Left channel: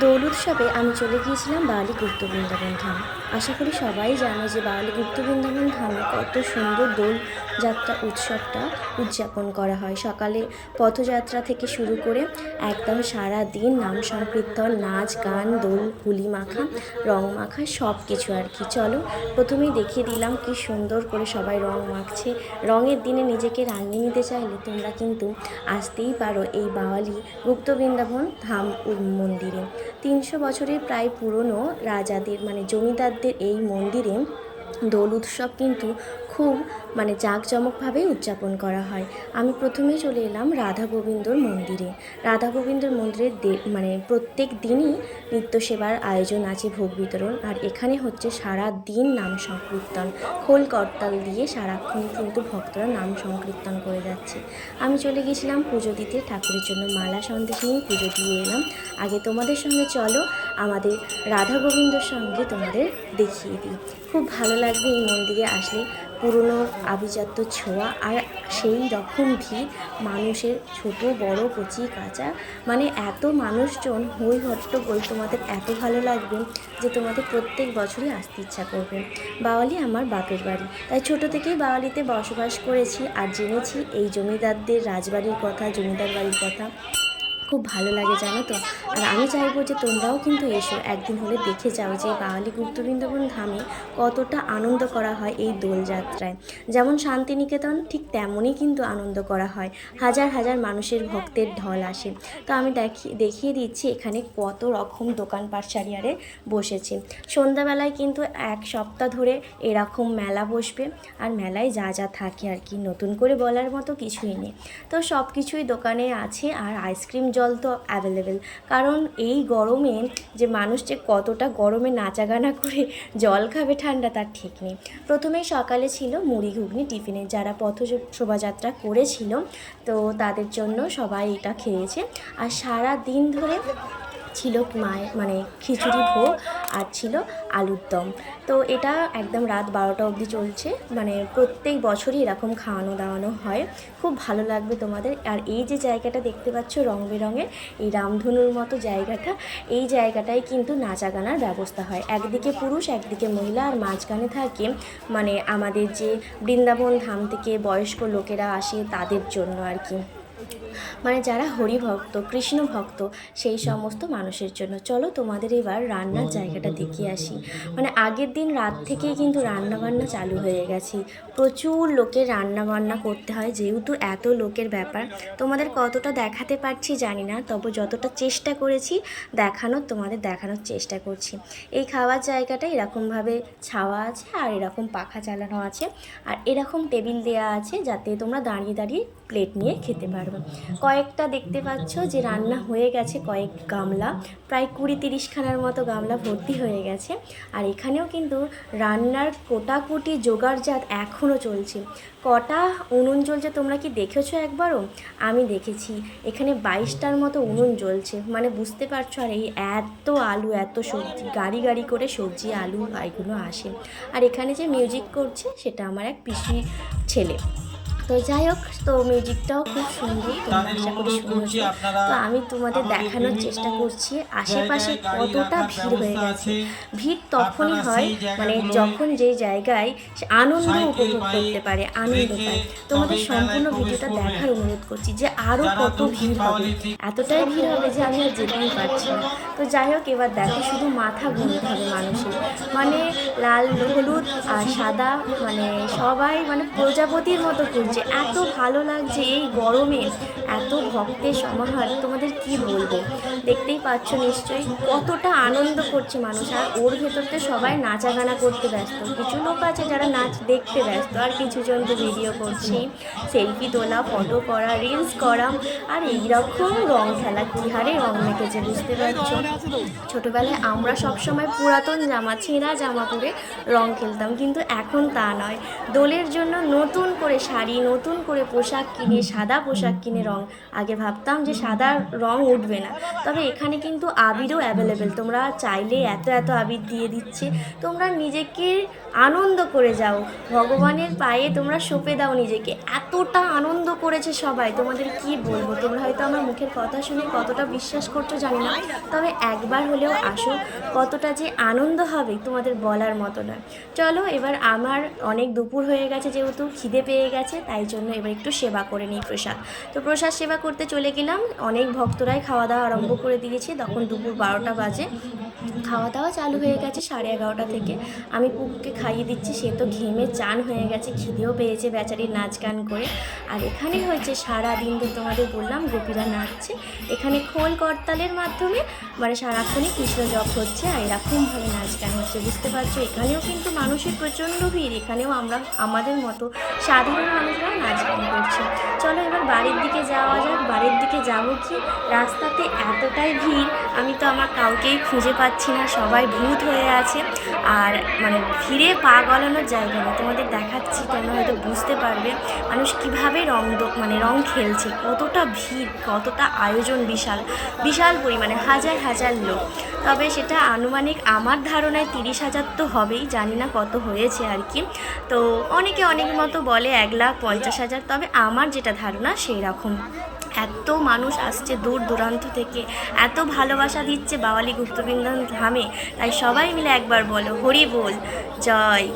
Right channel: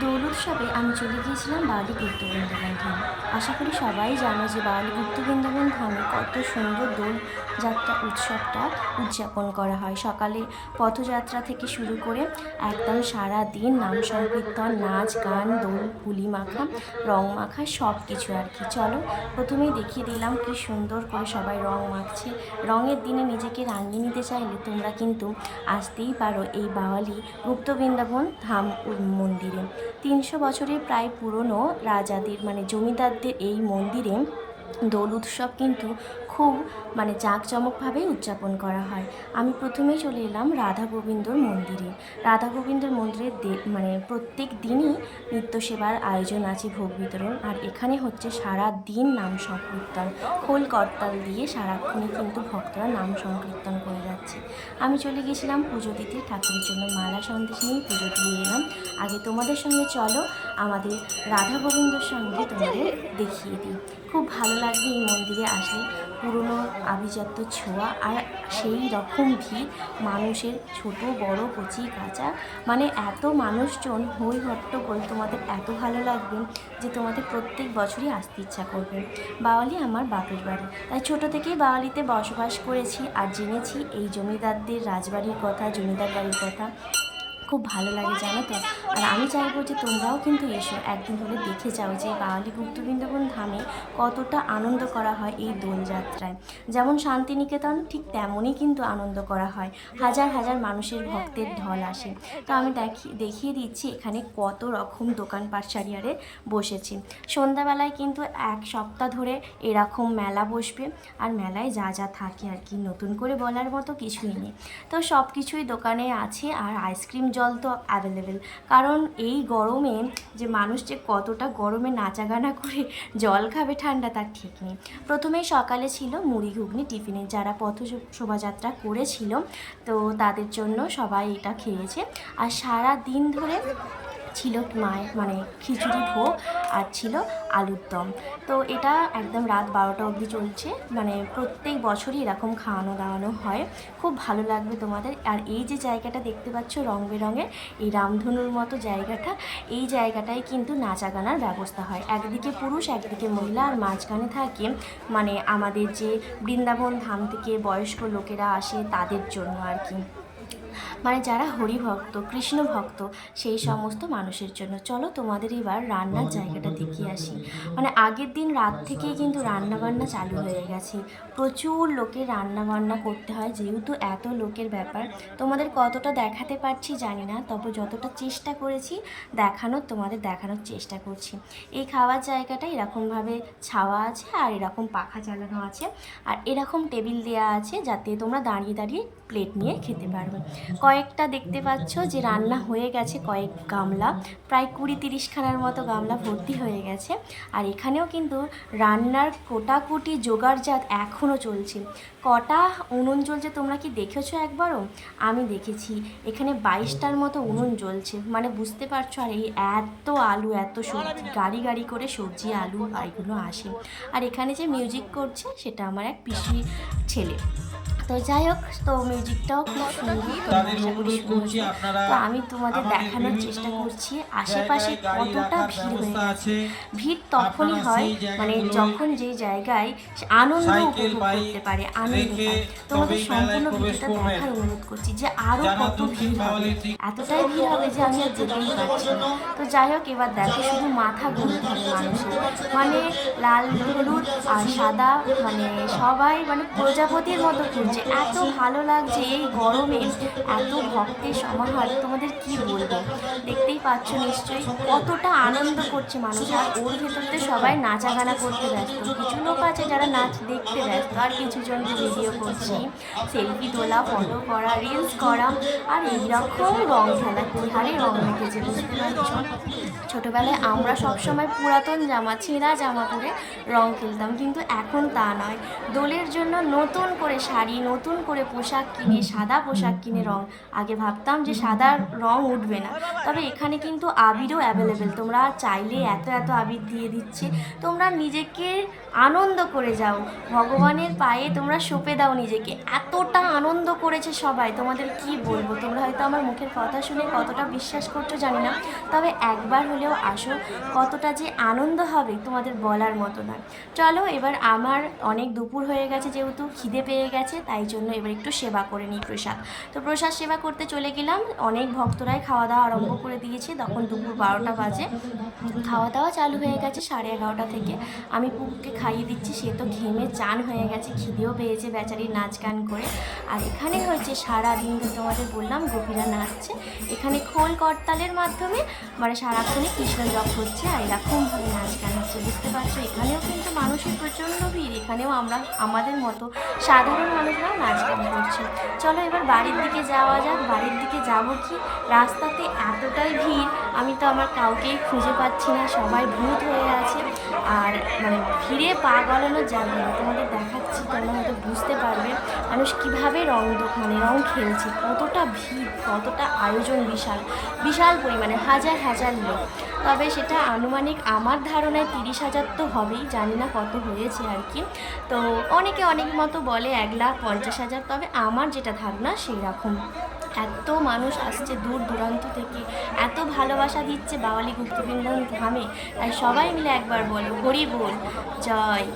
দোল উৎসবে আমি চলে গিয়েছিলাম বাওয়ালি গুপ্ত বৃন্দাবন ধাম। আশা করি সবাই জানো যে বাওয়ালি গুপ্ত বৃন্দাবন ধামে কত সুন্দর দোল যাত্রা উৎসবটা উদযাপন করা হয়। সকালে পথযাত্রা থেকে শুরু করে একদম সারা দিন নাম সংকীর্তন, নাচ, গান, দোল, হুলি মাখা, রং মাখা সব কিছু আর কি। চলো প্রথমেই দেখিয়ে দিলাম কি সুন্দর করে সবাই রং মাখছে। রঙের দিনে নিজেকে রাঙিয়ে নিতে চাইলে তোমরা কিন্তু আসতেই পারো এই বাওয়ালি গুপ্ত বৃন্দাবন ধাম মন্দিরে। তিনশো বছরের প্রায় পুরনো রাজাদের মানে জমিদারদের এই মন্দিরে দোল উৎসব কিন্তু খুব মানে জাঁকজমকভাবেই উদযাপন করা হয়। আমি প্রথমেই চলে এলাম রাধা গোবিন্দর মন্দিরে। রাধা গোবিন্দর মন্দিরে মানে প্রত্যেক দিনই নিত্য সেবার আয়োজন আছে ভোগ বিতরণ। আর এখানে হচ্ছে সারা দিন নাম সংকীর্তন। খোল করতাল দিয়ে সারাক্ষণই কিন্তু ভক্তরা নাম সংকীর্তন করে যাচ্ছে। আমি চলে গেছিলাম পুজো দিতে, ঠাকুরের জন্য মালা সন্দেশ নিয়ে পুজো দিয়ে এলাম। আগে তোমাদের সঙ্গে চলো, আমাদের রাধা গোবিন্দর সঙ্গে তোমাদের দেখিয়ে দিই। খুব ভালো লাগবে এই মন্দিরে আসলে। পুরনো আভিজাত্য ছোঁয়া আর সেই রকম ভিড় মানুষের ছোট, বড়, কচি, কাঁচা মানে এত মানুষজন হই হট্টগোল তোমাদের এত ভালো লাগবে যে তোমাদের প্রত্যেক বছরই আসতে ইচ্ছা করবে। বাওয়ালি আমার বাপের বাড়ি। তাই ছোট থেকেই বাওয়ালিতে বসবাস করেছি আর জেনেছি এই জমিদারদের রাজবাড়ির কথা, জমিদার বাড়ির কথা। খুব ভালো লাগে, জানো তো? আর আমি চাইব যে তোমরাও কিন্তু এসো, একদিন হলে দেখে যাও যে বাওয়ালি গুপ্ত বৃন্দাবন ধামে কতটা আনন্দ করা হয় এই দোলযাত্রায় যেমন শান্তিনিকেতন, ঠিক তেমনই কিন্তু আনন্দ করা হয়। হাজার হাজার মানুষের ভক্তের ঢল আসে। তো আমি দেখি, দেখিয়ে দিচ্ছি এখানে কত রকম দোকান পাটসারিয়ারে বসেছে। সন্ধ্যাবেলায় কিন্তু এক সপ্তাহ ধরে এরকম মেলা বসবে, আর মেলায় যা যা থাকে আর কি। নতুন করে বলার মতো কিছুই নেই। তো সব কিছুই দোকানে আছে, আর আইসক্রিম জল তো অ্যাভেলেবেল কারণ এই গরমে যে মানুষ যে কতটা গরমে নাচাগানা করে জল খাবে ঠান্ডা, তার ঠিক নেই। প্রথমেই সকালে ছিল মুড়ি ঘুগনি টিফিনে। যারা পথ শোভাযাত্রা করেছিল, তো তাদের জন্য সবাই এটা খেয়েছে। আর সারা দিন ধরে ছিল মায়ের মানে খিচুড়ি ভোগ আর ছিল আলুর দম। তো এটা একদম রাত বারোটা অবধি চলছে। মানে প্রত্যেক বছরই এরকম খাওয়ানো দাওয়ানো হয়। খুব ভালো লাগবে তোমাদের। আর এই যে জায়গাটা দেখতে পাচ্ছ রং বেরঙের, এই রামধনুর মতো জায়গাটা, এই জায়গাটায় কিন্তু নাচা গানার ব্যবস্থা হয়। একদিকে পুরুষ, একদিকে মহিলা, আর মাঝখানে থাকে মানে আমাদের যে বৃন্দাবন ধাম থেকে বয়স্ক লোকেরা আসে তাদের জন্য আর কি। মানে যারা হরিভক্ত কৃষ্ণ ভক্ত সেই সমস্ত মানুষের জন্য। চলো তোমাদের এবার রান্নার জায়গাটা দেখিয়ে আসি। মানে আগের দিন রাত থেকেই কিন্তু রান্না বান্না চালু হয়ে গেছে। প্রচুর লোকের রান্না বান্না করতে হয়, যেহেতু এত লোকের ব্যাপার। তোমাদের কতটা দেখাতে পারছি জানি না, তবে যতটা চেষ্টা করেছি দেখানোর, তোমাদের দেখানোর চেষ্টা করছি। এই খাওয়ার জায়গাটা এরকমভাবে ছাওয়া আছে আর এরকম পাখা চালানো আছে। আর এরকম টেবিল দেয়া আছে যাতে তোমরা দাঁড়িয়ে দাঁড়িয়ে প্লেট নিয়ে খেতে পারবে। কয়েকটা দেখতে পাচ্ছ যে রান্না হয়ে গেছে কয়েক গামলা, প্রায় কুড়ি তিরিশখানার মতো গামলা ভর্তি হয়ে গেছে। আর এখানেও কিন্তু রান্নার কোটাকুটি জোগাড়জাত এখনও চলছে। কটা উনুন জ্বলছে তোমরা কি দেখেছ একবারও? আমি দেখেছি। এখানে বাইশটার মতো উনুন জ্বলছে। মানে বুঝতে পারছ, আর এই এত আলু, এত সবজি, গাড়ি গাড়ি করে সবজি, আলু এগুলো আসে। আর এখানে যে মিউজিক করছে, সেটা আমার এক পিসি ছেলে। তো যাই হোক তো মিউজিকটাও খুব সুন্দর তো আশা করি শুনেছো তো আমি তোমাদের দেখানোর চেষ্টা করছি আশেপাশে কতটা ভিড় হয়ে গেছে। ভিড় তখনই হয় মানে যখন যে জায়গায় আনন্দ উপভোগ করতে পারে আনন্দ পায়। তোমাদের সম্পূর্ণ ভিডিওটা দেখার অনুরোধ করছি যে আরও কত ভিড় হবে। এতটাই ভিড় হবে যে আমি আর যেতেই পারছি না। তো যাই হোক এবার দেখো শুধু মাথা গুনতে হবে মানুষের। মানে লাল হলুদ আর সাদা মানে সবাই মানে প্রজাপতির মতো ঘুরছে। এত ভালো লাগছে এই গরমে, এত ভক্তের সমাহার, তোমাদের কি বলব? দেখতেই পাচ্ছ নিশ্চয়ই কতটা আনন্দ করছে মানুষ, আর ওর ভেতরতে সবাই নাচা গানা করতে ব্যস্ত। কিছু লোক আছে যারা নাচ দেখতে ব্যস্ত, আর কিছু জন তো ভিডিও করছি। সেলফি তোলা ফটো করা রিলস করা, আর এইরকম রং খেলা, কী হারে রং মেখেছে বুঝতে পারছ? ছোটোবেলায় আমরা সবসময় পুরাতন জামা, ছেঁড়া জামা পরে রং খেলতাম, কিন্তু এখন তা নয়। দোলের জন্য নতুন করে শাড়ি নতুন করে পোশাক কিনে, সাদা পোশাক কিনে রং। আগে ভাবতাম যে সাদা রং উঠবে না। তবে এখানে কিন্তু আবিরও অ্যাভেলেবেল তোমরা চাইলে এত এত আবির দিয়ে দিচ্ছে। তোমরা নিজেকে আনন্দ করে যাও। ভগবানের পায়ে তোমরা সঁপে দাও নিজেকে। এতটা আনন্দ করেছে সবাই। তোমাদের কি বলব? তোমরা হয়তো আমার মুখের কথা শুনে কতটা বিশ্বাস করছ জানি না। তবে একবার হলেও আসো। কতটা যে আনন্দ হবে তোমাদের বলার মতো না চলো এবার আমার অনেক দুপুর হয়ে গেছে যেহেতু খিদে পেয়ে গেছে তাই জন্য এবার একটু সেবা করে নিই প্রসাদ। তো প্রসাদ সেবা করতে চলে গেলাম, অনেক ভক্তরাই খাওয়া দাওয়া আরম্ভ করে দিয়েছে। তখন দুপুর বারোটা বাজে। খাওয়া দাওয়া চালু হয়ে গেছে সাড়ে এগারোটা থেকে। আমি পুকুকে খাইয়ে দিচ্ছি, সে তো ঘেমে চান হয়ে গেছে, খিদেও পেয়েছে বেচারি নাচ গান করে। আর এখানে হয়েছে সারা দিন ধরে তোমাদের বললাম, গোপীরা নাচছে। এখানে খোল করতালের মাধ্যমে মানে সারাক্ষণই কৃষ্ণ জপ হচ্ছে আর এরকমভাবে নাচ গান হচ্ছে, বুঝতে পারছ? এখানেও কিন্তু মানুষের প্রচণ্ড ভিড়, এখানেও আমরা, আমাদের মতো সাধারণ মানুষরাও নাচ গান করছে। চলো এবার বাড়ির দিকে যাওয়া যাক। বাড়ির দিকে যাব কি? রাস্তাতে এতটাই ভিড়, আমি তো আমার কাউকেই খুঁজে পাচ্ছি না। সবাই ভূত হয়ে আছে। আর মানে ভিড়ে পা গলানোর জায়গা নেই। তোমাদের দেখাচ্ছি, তোমরা হয়তো বুঝতে পারবে। মানুষ কীভাবে রং মানে রং খেলছে। কতটা ভিড়, কতটা আয়োজন বিশাল। বিশাল পরিমাণে, হাজার হাজার লোক। তবে সেটা আনুমানিক আমার ধারণায় তিরিশ হাজার তো হবেই। জানি না কত হয়েছে আর কি। তো অনেকে অনেক মতো বলে এক লাখ পঞ্চাশ হাজার, তবে আমার যেটা ধারণা সেই রকম। এত মানুষ আসছে দূর দূরান্ত থেকে, এত ভালোবাসা দিচ্ছে বাওয়ালি গুপ্তবৃন্দ ধামে, তাই সবাই মিলে একবার বলো, হরি বল, জয়।